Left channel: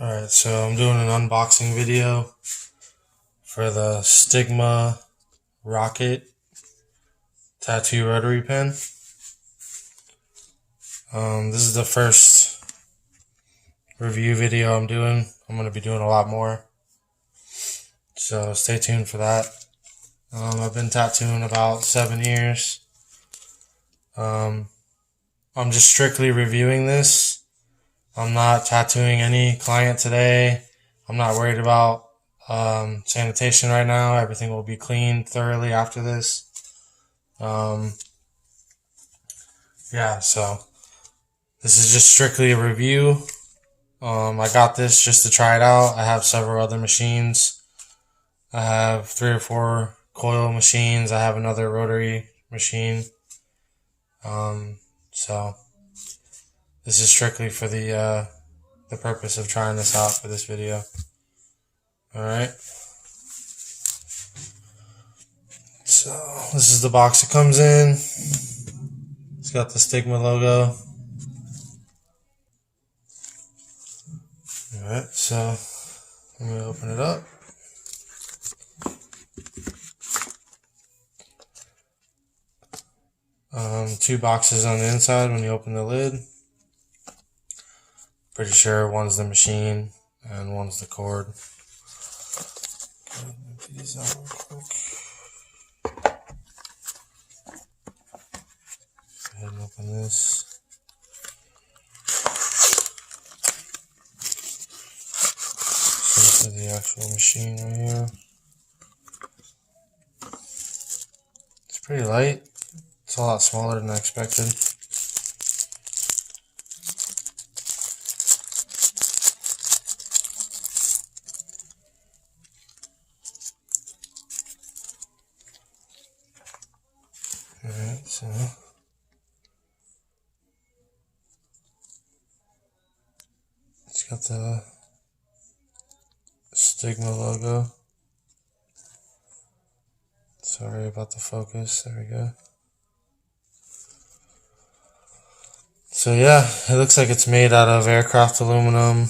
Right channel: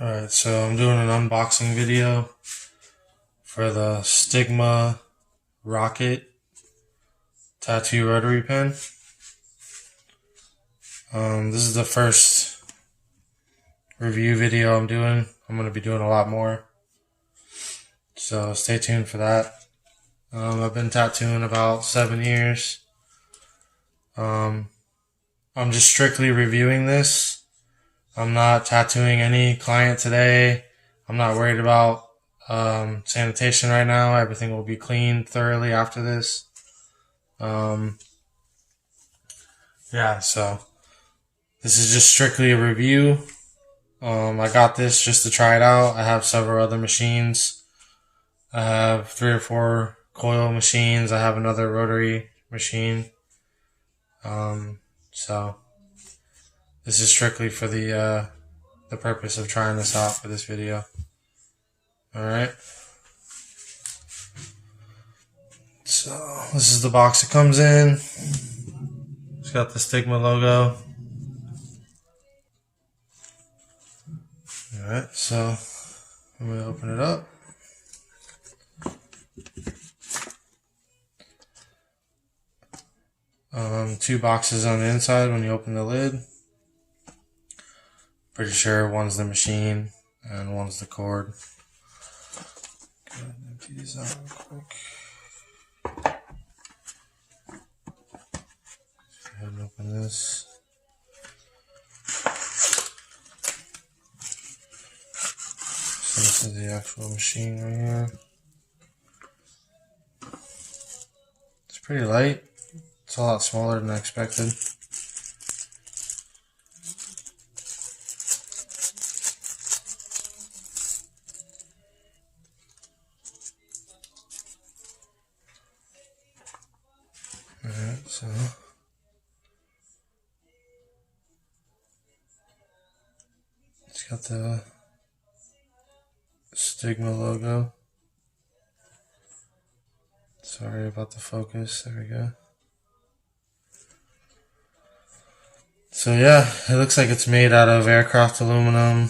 Alright, so I'm doing an unboxing video for the Stigma Rocket Tattoo Rotary Pen. This is the first review video I'm doing. I'm going to be doing a lot more, so stay tuned for that. I've been tattooing about 7 years. I'm just strictly reviewing this. I'm not tattooing any client today. I'm not worried about sanitation right now. Everything will be cleaned thoroughly after this. Yeah, so this is just strictly a review. I got this just to try it out. I have several other machines. I have 3 or 4 coil machines. I have another rotary machine. So this is strictly for the purpose of trying this out for this video. Alright. So this is the box it comes in. It's got the Stigma logo. Alright, so I'm going to open it up. Two boxes on the inside when you open the lid. Pretty sure one's the machine and one's the cord. Go ahead and empty these out real quick. Go ahead and open this. So this is the actual machine right here. It's pretty light. It's a lot smaller than I expected. Alright, so it's got the Stigma logo. Sorry about the focus. There we go. So yeah, it looks like it's made out of aircraft aluminum.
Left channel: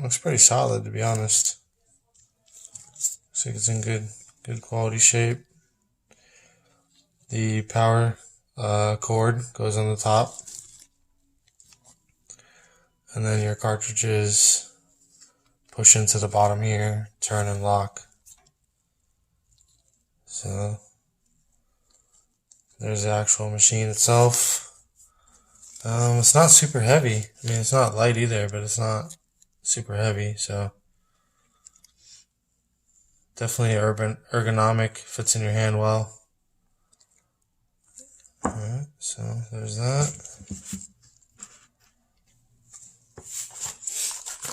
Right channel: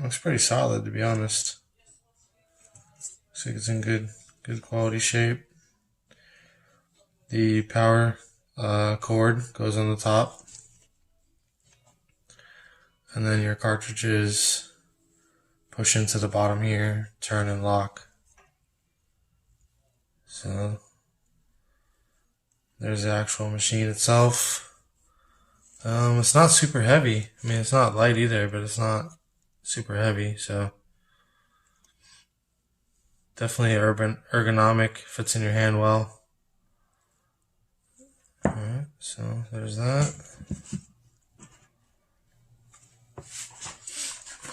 Looks pretty solid, to be honest. Looks like it's in good quality shape. The power cord goes on the top, and then your cartridges push into the bottom here, turn and lock. So there's the actual machine itself. It's not super heavy. I mean, it's not light either, but it's not super heavy, so definitely ergonomic, fits in your hand well. Alright, so there's that.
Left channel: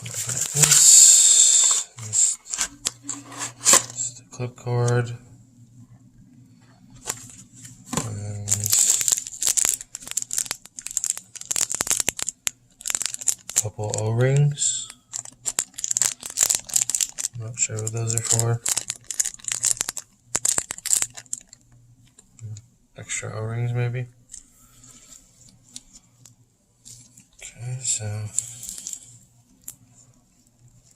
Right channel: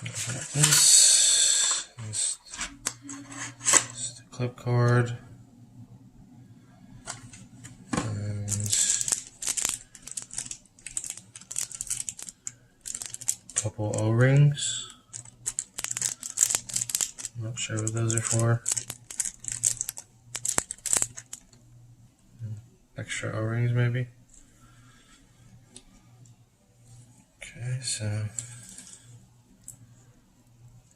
Got this is the clip cord. Couple O-rings. I'm not sure what those are for. Extra O-rings maybe. Okay, so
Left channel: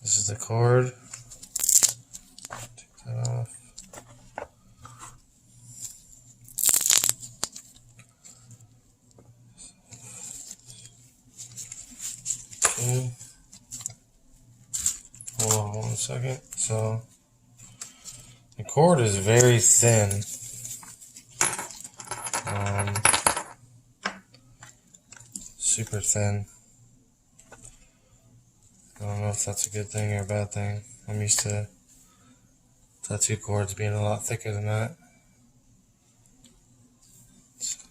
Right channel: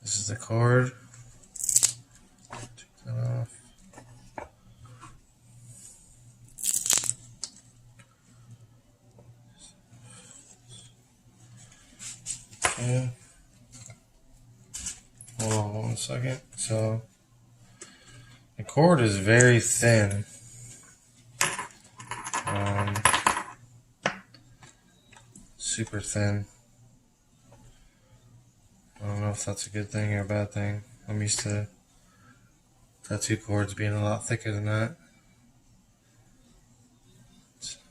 this is the cord. Take that off. Okay. Hold on 1 second. So the cord is very thin. Super thin. I don't know if that's a good thing or a bad thing. I'm used to tattoo cords being a lot thicker than that.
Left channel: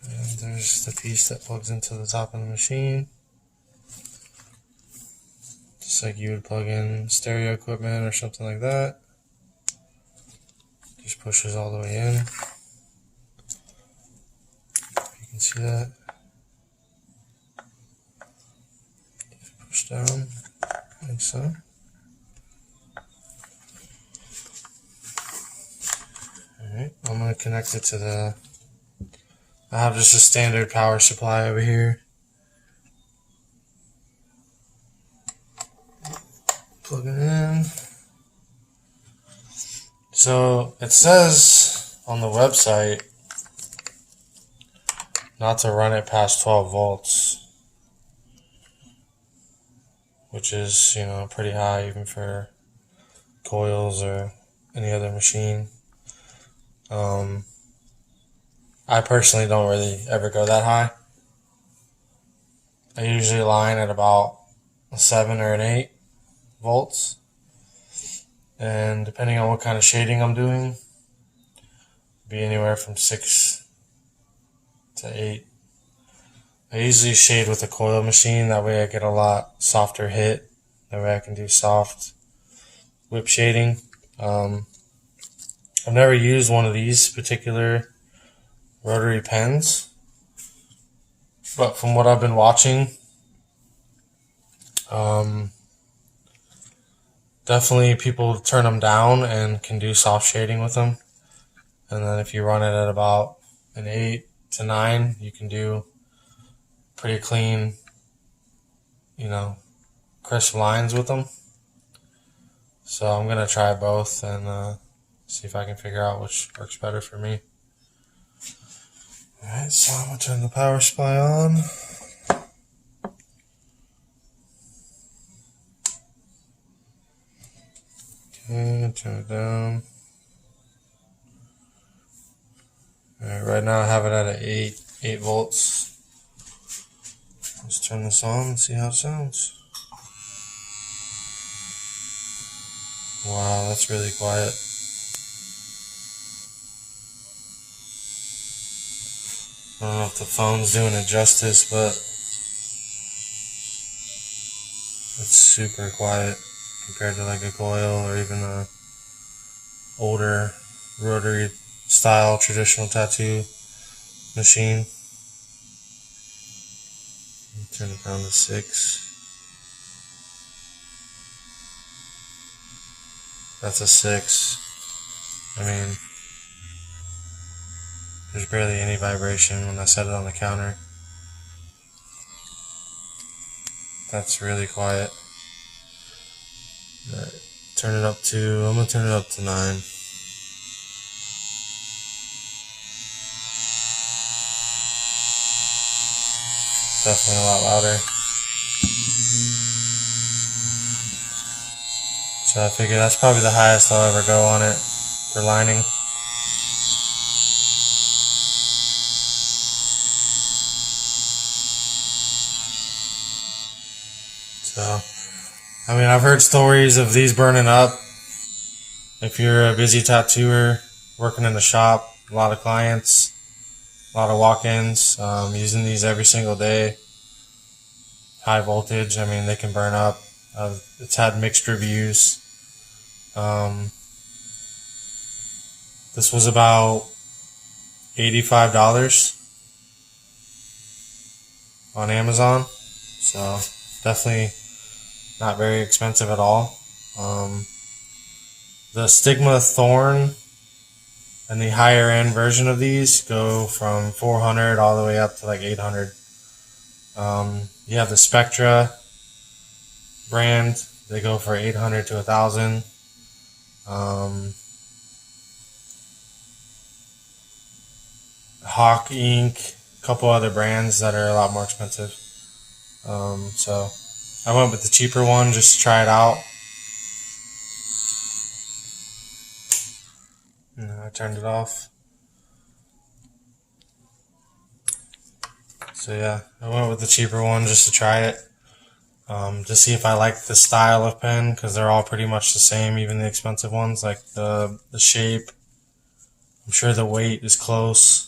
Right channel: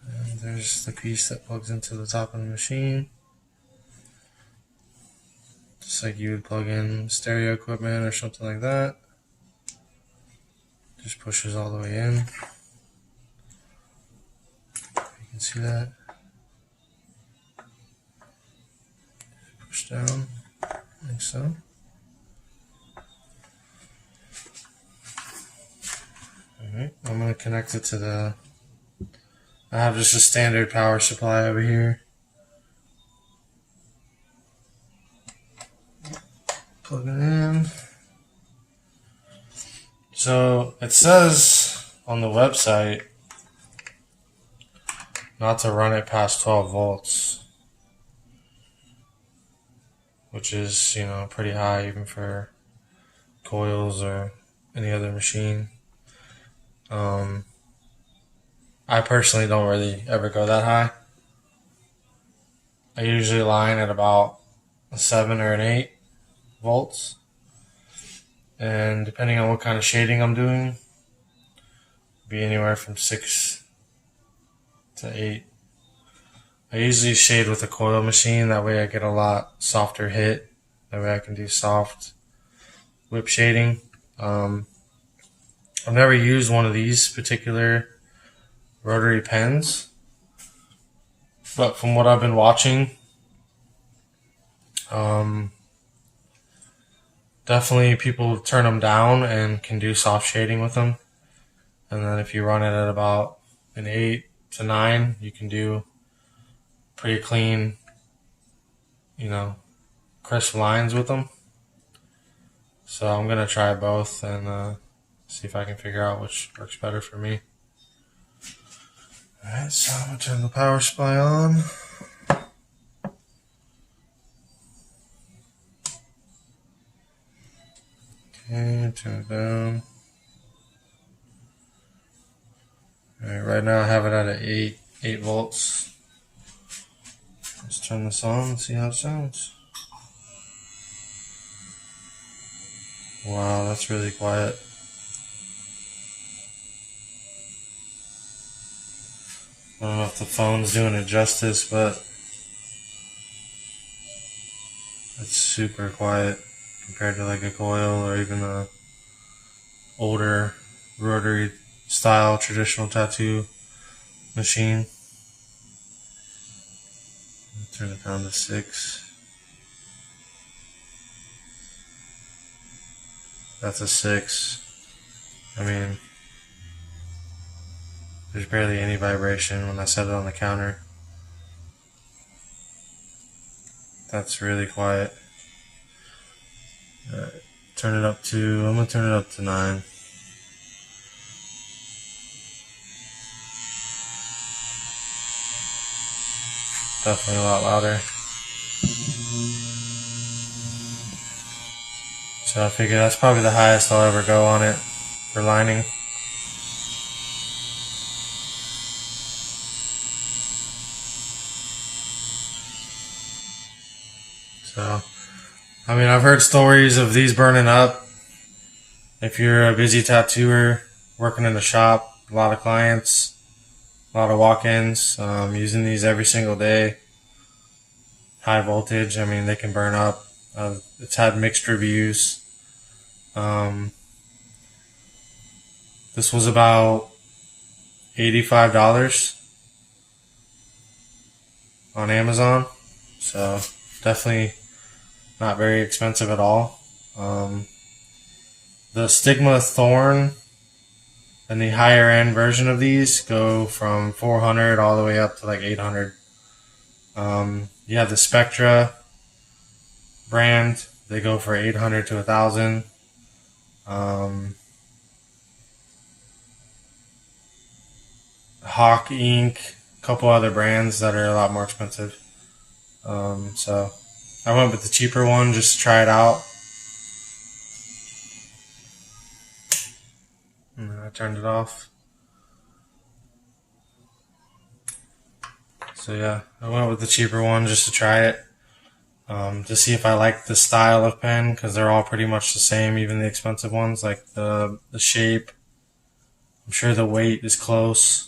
And there's the piece that plugs into the top of the machine. Just like you would plug in stereo equipment or something like that. Just pushes all the way in. You can see that. Push down, like so. Alright, I'm going to connect it to the, I have just a standard power supply over here. Plug it in. So it says on the website not to run it past 12 volts, which is, pretty high even for coils or any other machine. I personally don't really ever go that high. I usually line at about a 7 or an 8 volts. And depending on what kind of shading I'm doing, be anywhere from 6 to 8. I usually shade with a coil machine, that way I get a lot softer hit. That way I can do soft whip shading. I've never used one of these particular rotary pens, but from what I've been watching, definitely people turn them down and can do soft shading with them. And then if you run it at about an 8 to 9, you can do pretty clean, crisp lines with them. So I'm going to try both and see if I can figure out which works better for me. Alright, so I'm going to turn the power supply on. Okay, turn it down. Alright, right now I have it at an 8 volts. Let's turn this on and see how it sounds. Wow, that's really quiet. I don't know if the phone's doing it justice, but it's super quiet compared to like a coil or even a older rotary style traditional tattoo machine. Turn it down to 6. That's a 6. I mean, there's barely any vibration when I set it on the counter. That's really quiet. I'm gonna turn it up to 9. Definitely a lot louder. So I figure that's probably the highest I'll ever go on it for lining. So, I mean, I've heard stories of these burning up. If you're a busy tattooer working in the shop, a lot of clients, a lot of walk-ins, using these every single day. High voltage, I mean, they can burn up. It's had mixed reviews. This was about $85 on Amazon, so definitely not very expensive at all. The Stigma Thorn and the higher end version of these go from 400 all the way up to like 800. You have the Spectra brand, they go for 800 to 1,000. Hawk Ink, a couple other brands that are a lot more expensive. So I went with the cheaper one just to try it out. And I turned it off. So yeah, I went with the cheaper one just to try it. To see if I like the style of pen, because they're all pretty much the same, even the expensive ones. Like the shape, I'm sure the weight is close.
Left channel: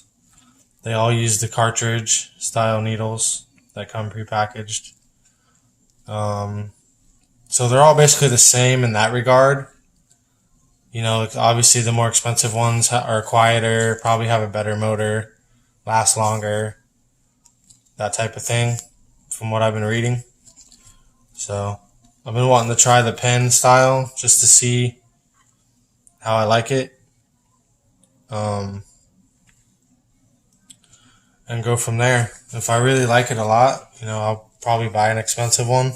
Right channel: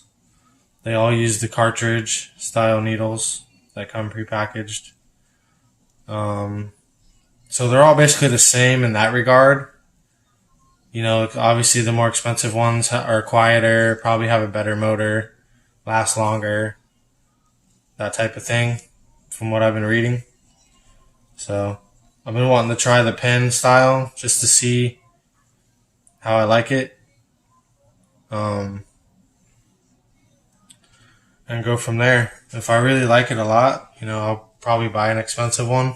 They all use the cartridge style needles that come prepackaged. So they're all basically the same in that regard. Obviously the more expensive ones are quieter, probably have a better motor, last longer, that type of thing, from what I've been reading. So I've been wanting to try the pen style just to see how I like it. And go from there. If I really like it a lot, I'll probably buy an expensive one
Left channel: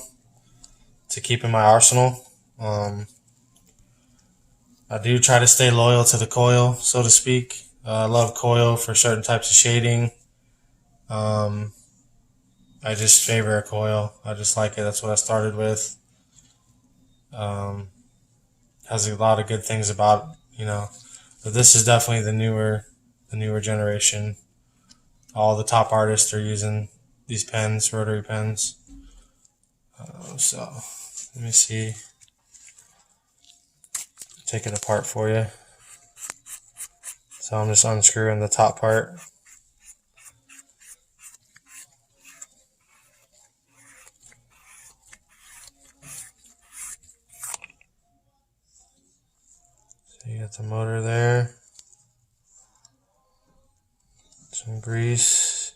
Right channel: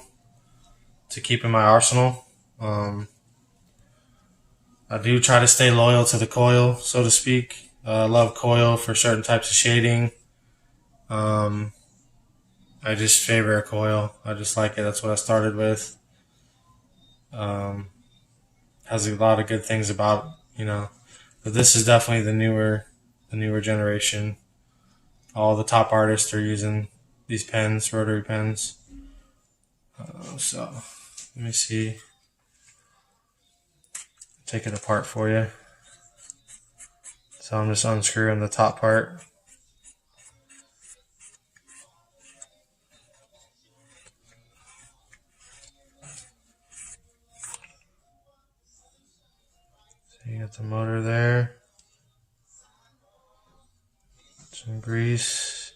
to keep in my arsenal. I do try to stay loyal to the coil, so to speak. I love coil for certain types of shading. I just favor a coil. I just like it. That's what I started with. Has a lot of good things about, but this is definitely the newer generation. All the top artists are using these pens, rotary pens. So let me see. Take it apart for you. So I'm just unscrewing the top part. So you got the motor there. Some grease.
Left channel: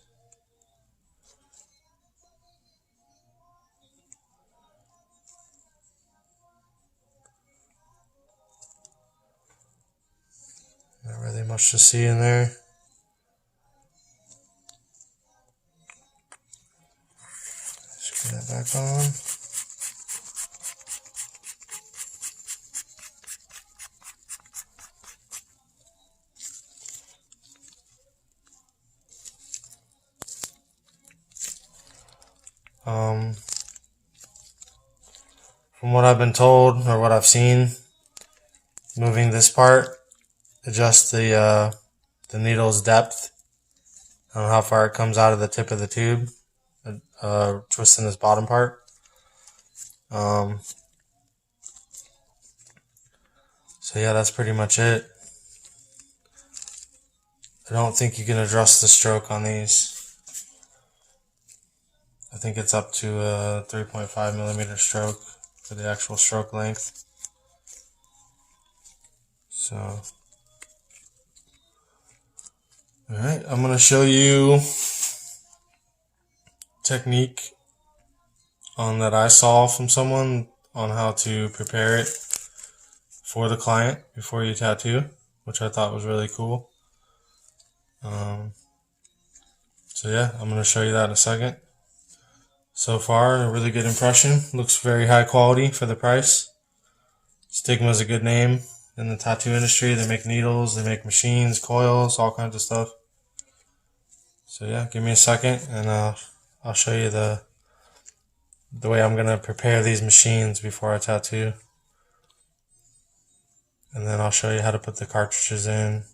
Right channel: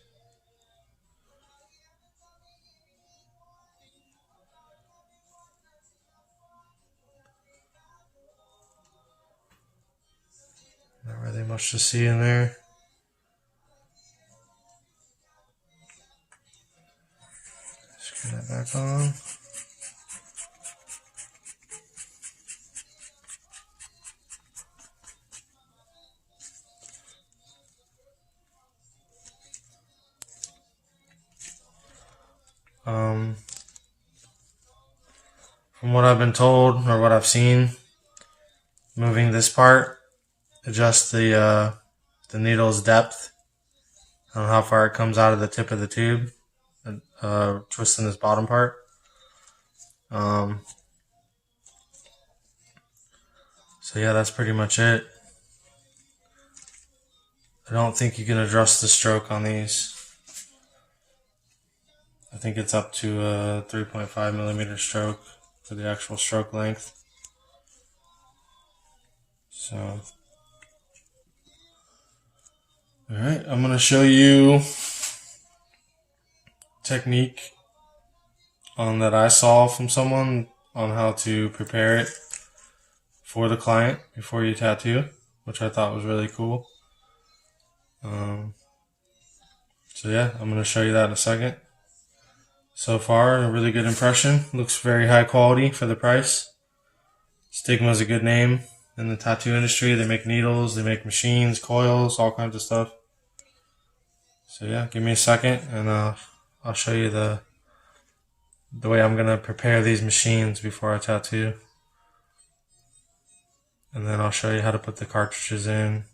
Not really much to see in there. Screw that back on. From what I've been told or what I've seen, moving this part adjusts the needle's depth on how far it comes out of the tip of the tube, twisting this bottom part. So yeah, that's pretty much it. I don't think you can adjust the stroke on these. I think it's up to a 3.5 millimeter stroke for the actual stroke length. So, alright, I'm going to show you technique that I saw from someone on how to prepare it for the client before you tattoo, which I thought was really cool. So yeah, I'm going to show you that in a second. So far, a really good impression. Looks very high quality for the price. Stigma is a good name in the tattoo industry. They make needles, they make machines, coils, all kinds of stuff. So yeah, give me a second and I'll show you the way I'm going to prepare these machines before I tattoo. And then I'll show you how to put the cartridges in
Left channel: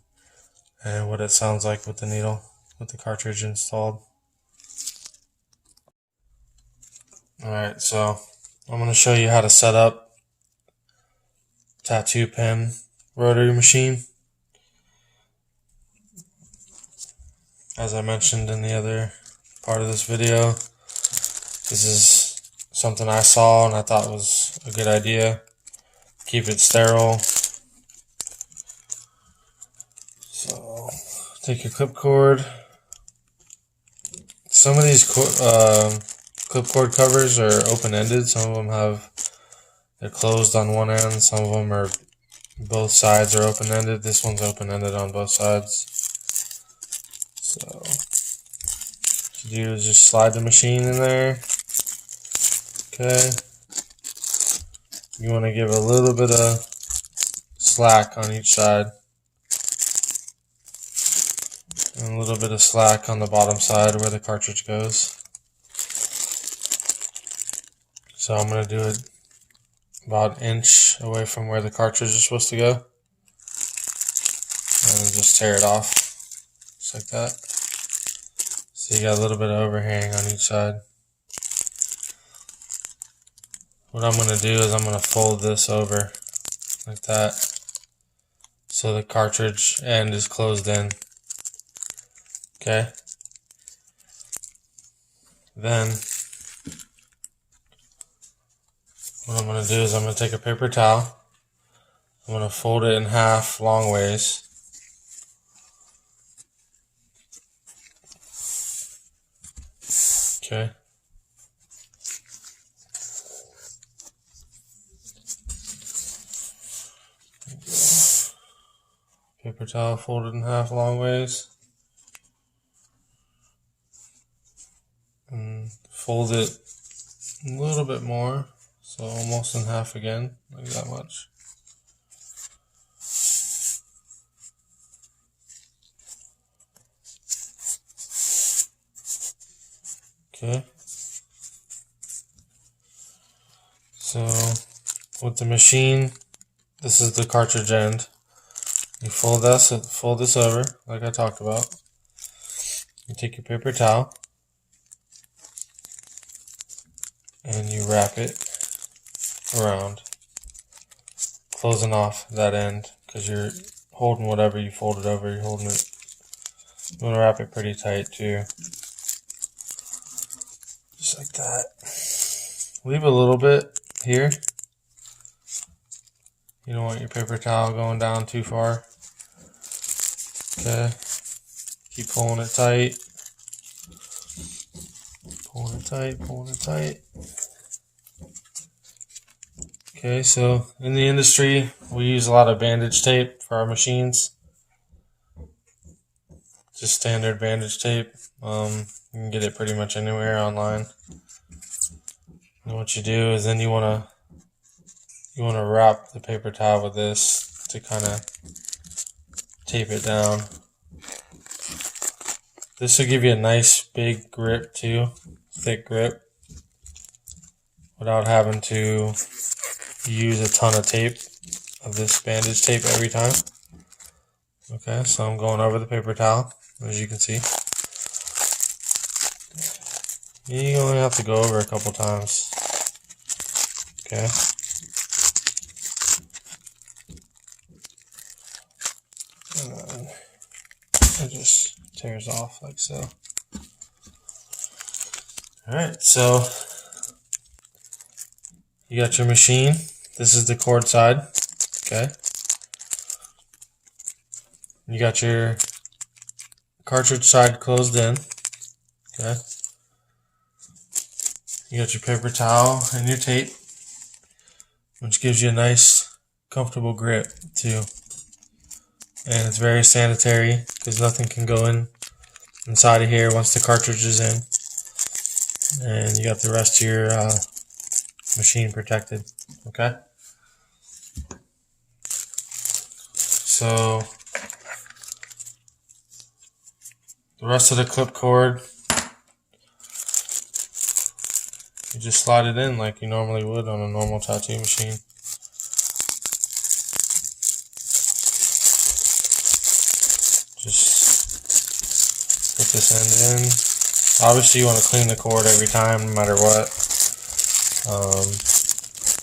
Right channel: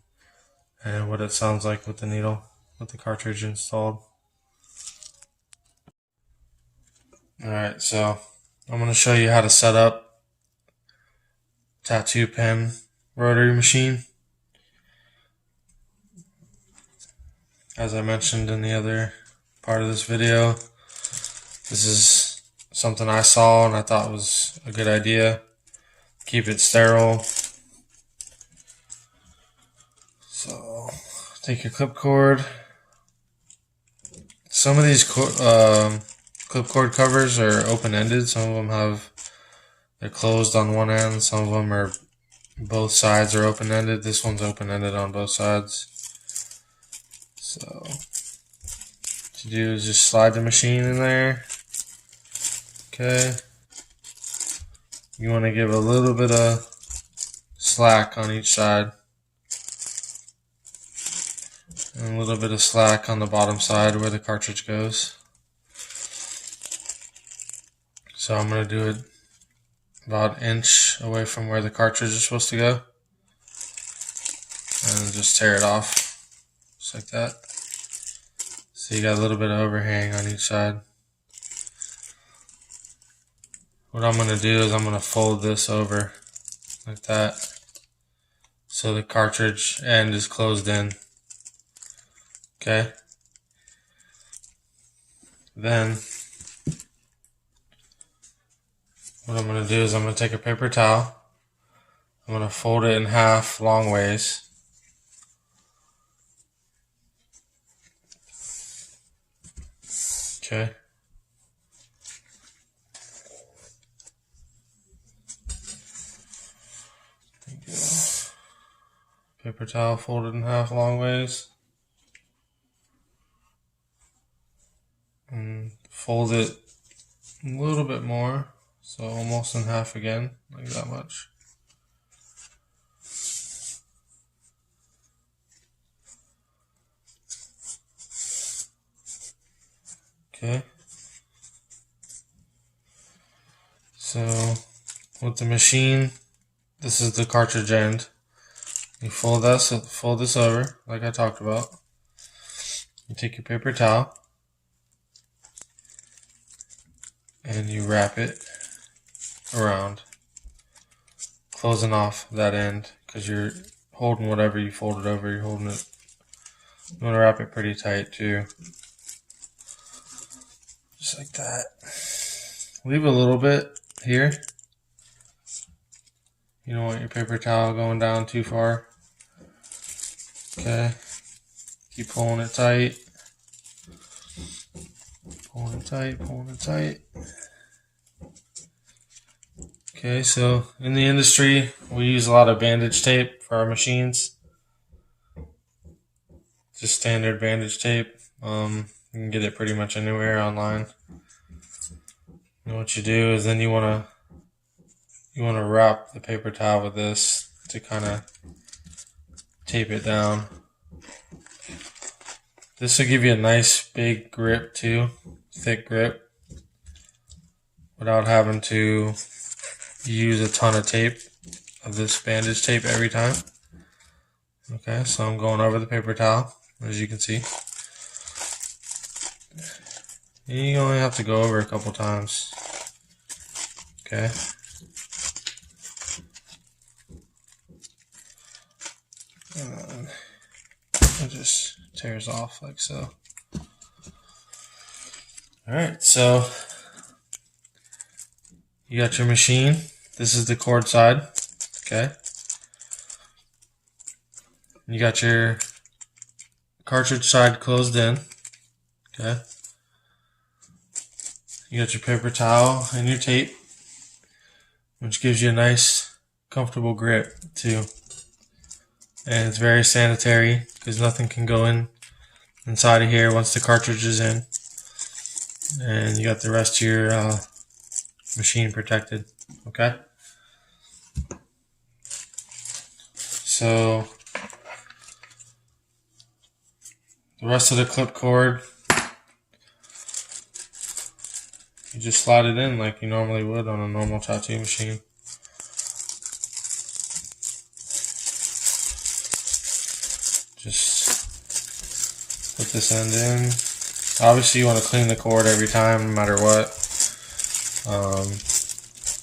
and what it sounds like with the needle, with the cartridge installed. Alright, so I'm going to show you how to set up tattoo pen rotary machine. As I mentioned in the other part of this video, this is something I saw and I thought was a good idea. Keep it sterile. So take your clip cord. Some of these clip cord covers are open-ended. Some of them they're closed on one end. Some of them are, both sides are open-ended. This one's open-ended on both sides. So what you do is just slide the machine in there. Okay. You want to give a little bit of slack on each side. And a little bit of slack on the bottom side where the cartridge goes. So I'm going to do it about an inch away from where the cartridge is supposed to go. And just tear it off. Just like that. So you got a little bit of overhang on each side. What I'm going to do is I'm going to fold this over like that. So the cartridge end is closed in. Okay. Then what I'm going to do is I'm going to take a paper towel. I'm going to fold it in half long ways. Okay. Paper towel folded in half long ways. And fold it a little bit more So almost in half again, like that much. Okay. So with the machine, this is the cartridge end. You fold this over, like I talked about. You take your paper towel and you wrap it around, closing off that end, because you're holding whatever you folded over, you're holding it. You want to wrap it pretty tight too. Just like that. Leave a little bit here. You don't want your paper towel going down too far. Okay. Keep pulling it tight. Pulling it tight, pulling it tight. Okay, so in the industry, we use a lot of bandage tape for our machines. Just standard bandage tape. You can get it pretty much anywhere online. And what you do is then you want to wrap the paper towel with this to kind of tape it down. This will give you a nice big grip too, thick grip, without having to use a ton of tape, of this bandage tape every time. Okay, so I'm going over the paper towel, as you can see. You only have to go over a couple times. Okay. And then it just tears off like so. Alright, so you got your machine. This is the cord side. Okay. You got your cartridge side closed in. Okay. You got your paper towel and your tape, which gives you a nice, comfortable grip too. And it's very sanitary because nothing can go inside of here once the cartridge is in. And you got the rest of your machine protected. Okay. So the rest of the clip cord, you just slide it in like you normally would on a normal tattoo machine. Just put this end in. Obviously you want to clean the cord every time, no matter what.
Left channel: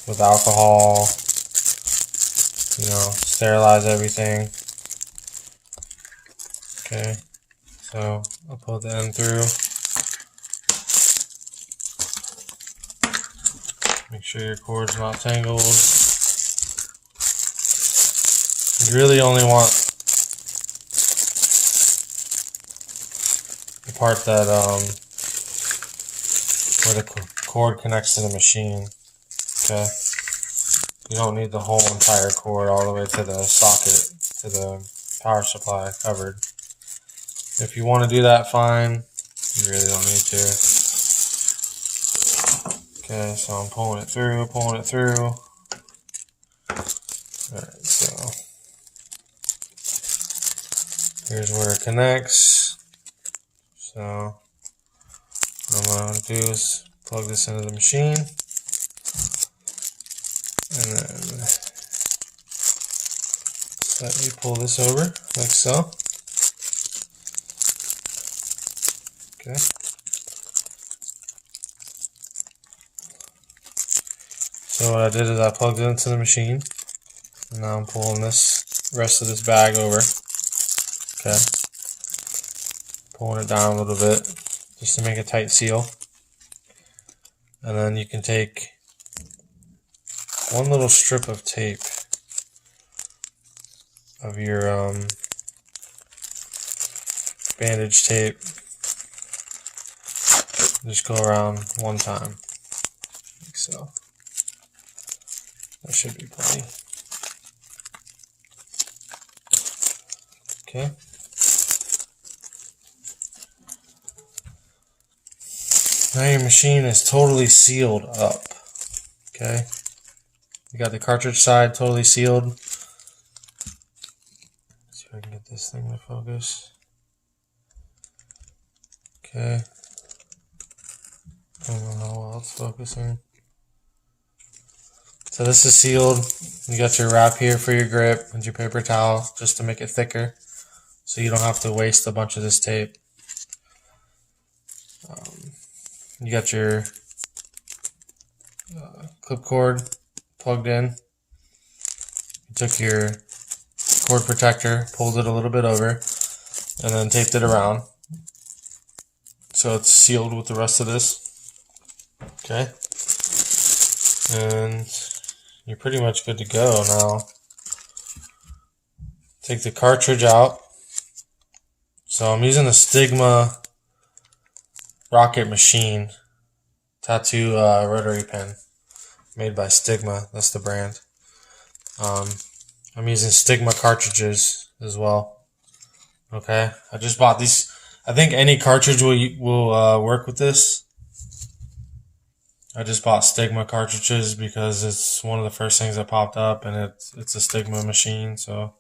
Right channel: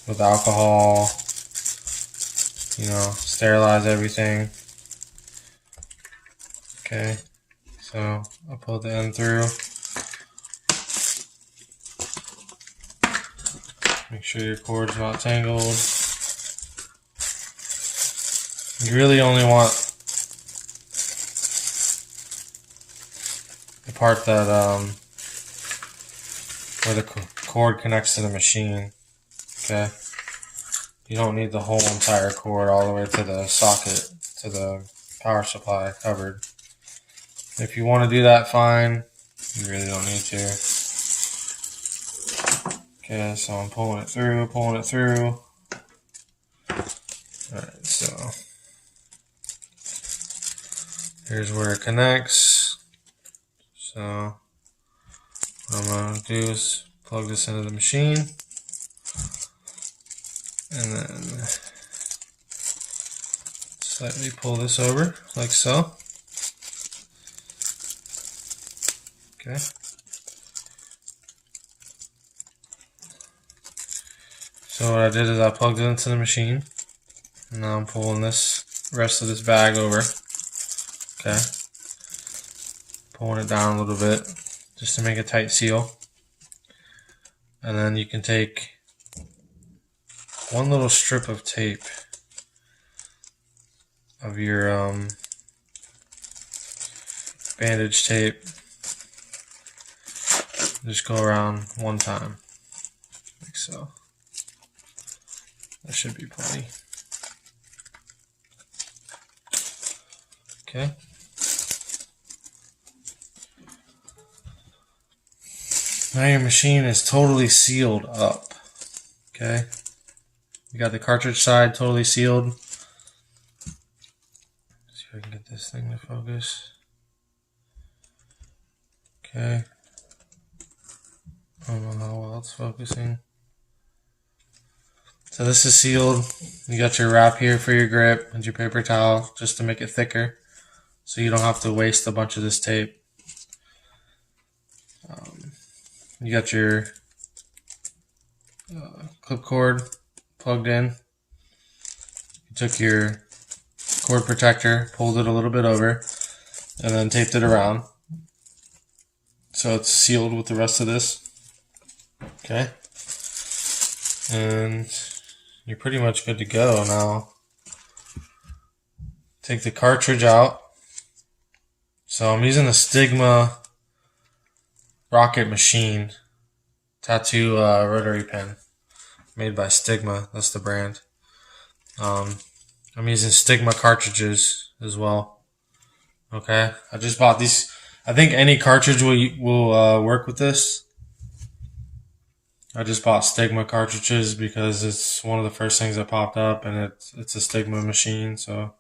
With alcohol, sterilize everything. Okay, so I'll pull the end through. Make sure your cord's not tangled. You really only want the part that where the cord connects to the machine. Okay, you don't need the whole entire cord all the way to the socket, to the power supply covered. If you want to do that, fine. You really don't need to. Okay, so I'm pulling it through. Alright, so here's where it connects. So what I'm going to do is plug this into the machine. And then slightly pull this over, like so. Okay. So what I did is I plugged it into the machine. And now I'm pulling this rest of this bag over. Okay. Pulling it down a little bit just to make a tight seal. And then you can take one little strip of tape of your bandage tape. Just go around one time, like so. That should be plenty. Okay. Now your machine is totally sealed up. Okay. You got the cartridge side totally sealed. Let's see if I can get this thing to focus. Okay. I don't know how well it's focusing. So this is sealed. You got your wrap here for your grip and your paper towel just to make it thicker, so you don't have to waste a bunch of this tape. You got your clip cord plugged in. You took your cord protector, pulled it a little bit over, and then taped it around. So it's sealed with the rest of this. Okay. And you're pretty much good to go now. Take the cartridge out. So I'm using a Stigma rocket machine tattoo rotary pen made by Stigma. That's the brand. I'm using Stigma cartridges as well. Okay, I just bought these. I think any cartridge will work with this. I just bought Stigma cartridges because it's one of the first things that popped up, and it's a Stigma machine, so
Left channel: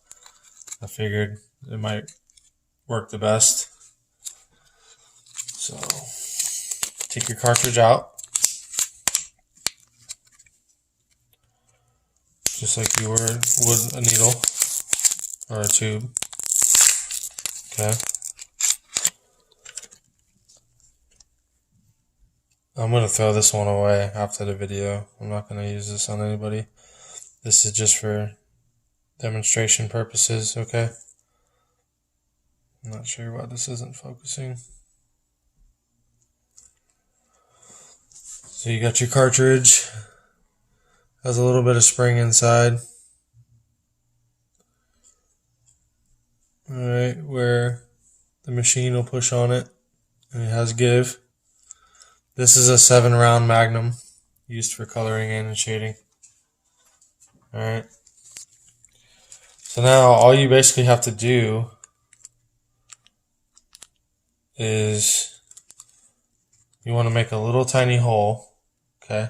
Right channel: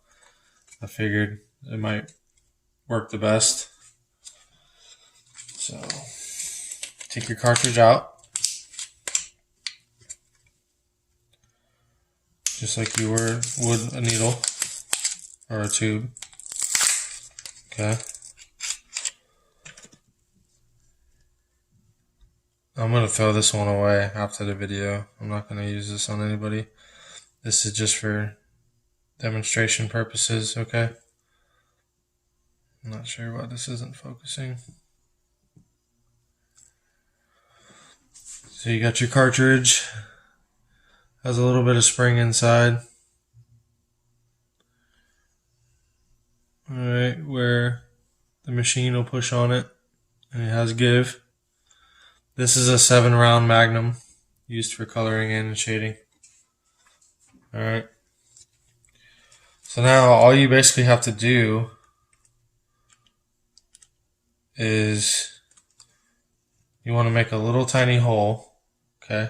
I figured it might work the best. So take your cartridge out, just like you would a needle or a tube. Okay. I'm going to throw this one away after the video. I'm not going to use this on anybody. This is just for demonstration purposes, okay? I'm not sure why this isn't focusing. So you got your cartridge. Has a little bit of spring inside. Alright, where the machine will push on it. And it has give. This is a 7-round Magnum used for coloring in and shading. Alright. So now all you basically have to do is you want to make a little tiny hole. Okay.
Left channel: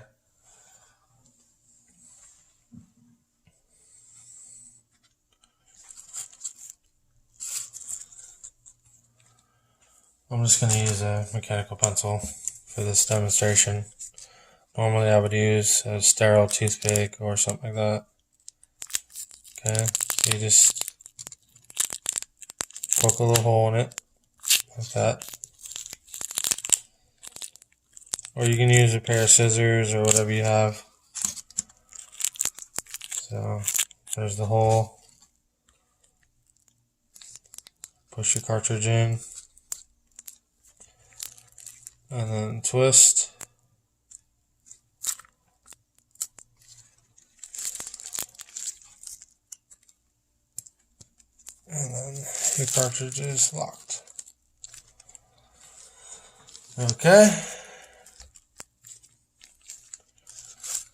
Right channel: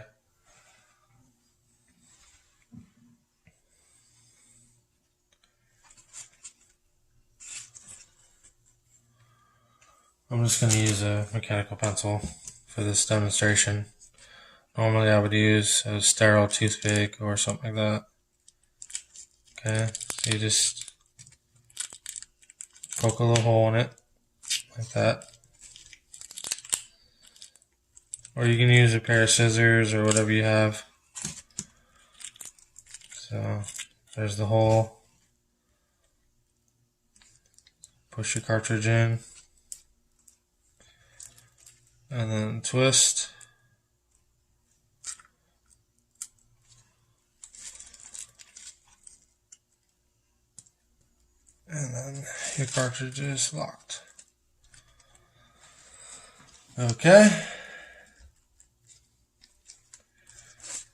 I'm just going to use a mechanical pencil for this demonstration. Normally I would use a sterile toothpick or something like that. Okay, so you just poke a little hole in it, like that. Or you can use a pair of scissors or whatever you have. So there's the hole. Push your cartridge in. And then twist. And then your cartridge is locked. Okay.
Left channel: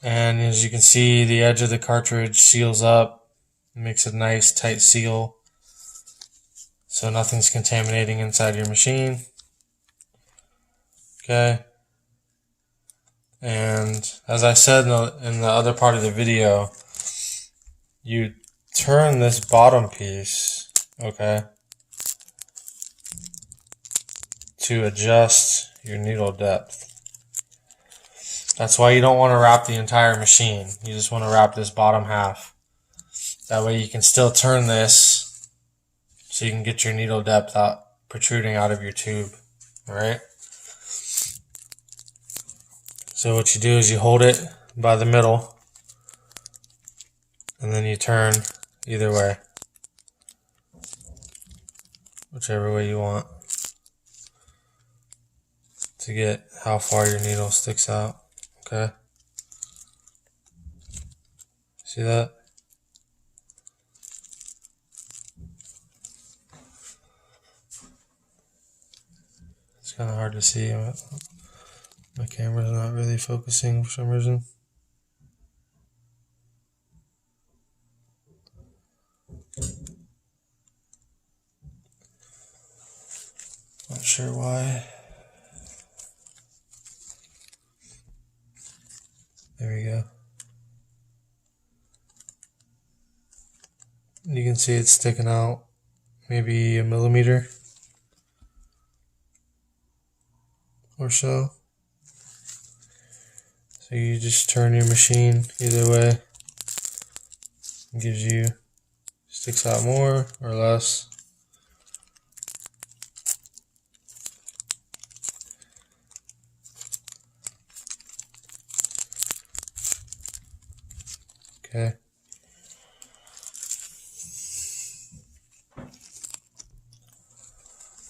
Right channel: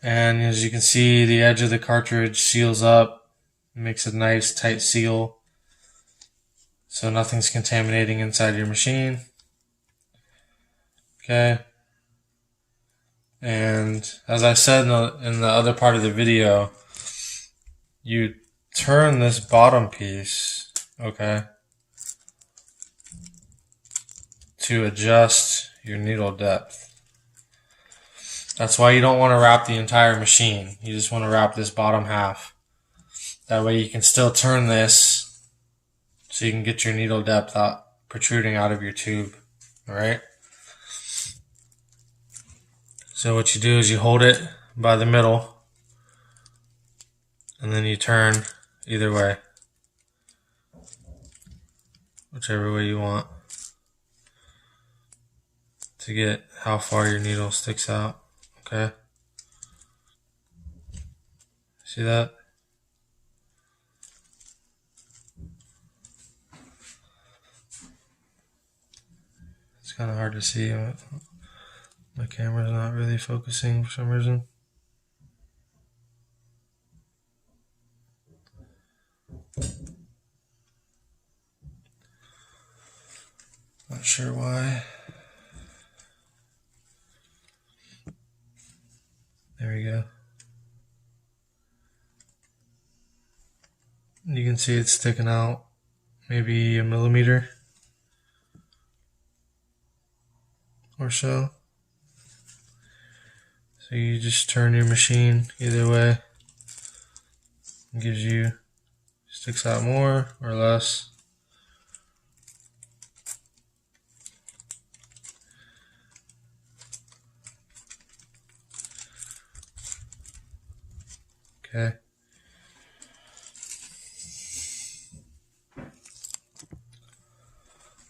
And as you can see, the edge of the cartridge seals up, makes a nice tight seal, so nothing's contaminating inside your machine. Okay. And as I said in the other part of the video, you turn this bottom piece, okay, to adjust your needle depth. That's why you don't want to wrap the entire machine. You just want to wrap this bottom half. That way you can still turn this so you can get your needle depth out, protruding out of your tube. Alright? So what you do is you hold it by the middle and then you turn either way. Whichever way you want to get how far your needle sticks out. Okay? See that? It's kind of hard to see. My camera's not really focusing for some reason. Not sure why. There we go. can see it's sticking out maybe a millimeter or so. So you just turn your machine either way. It gives you, sticks out more or less. Okay.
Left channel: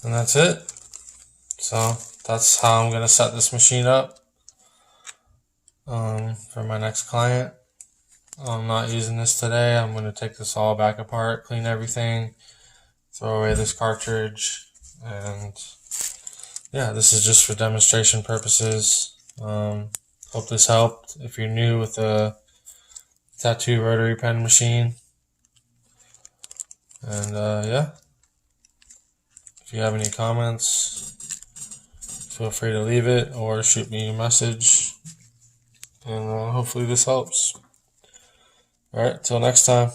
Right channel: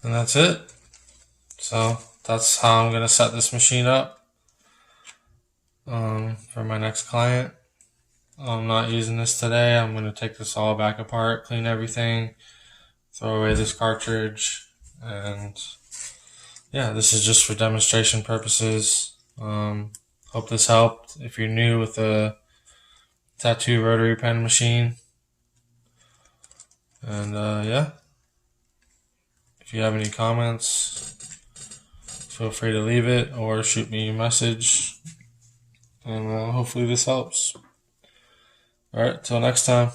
And that's it. So that's how I'm gonna set this machine up for my next client. I'm not using this today. I'm gonna take this all back apart, clean everything, throw away this cartridge, and yeah, this is just for demonstration purposes. Hope this helped. If you're new with a tattoo rotary pen machine, and yeah, if you have any comments, feel free to leave it or shoot me a message, and hopefully this helps. Alright, till next time.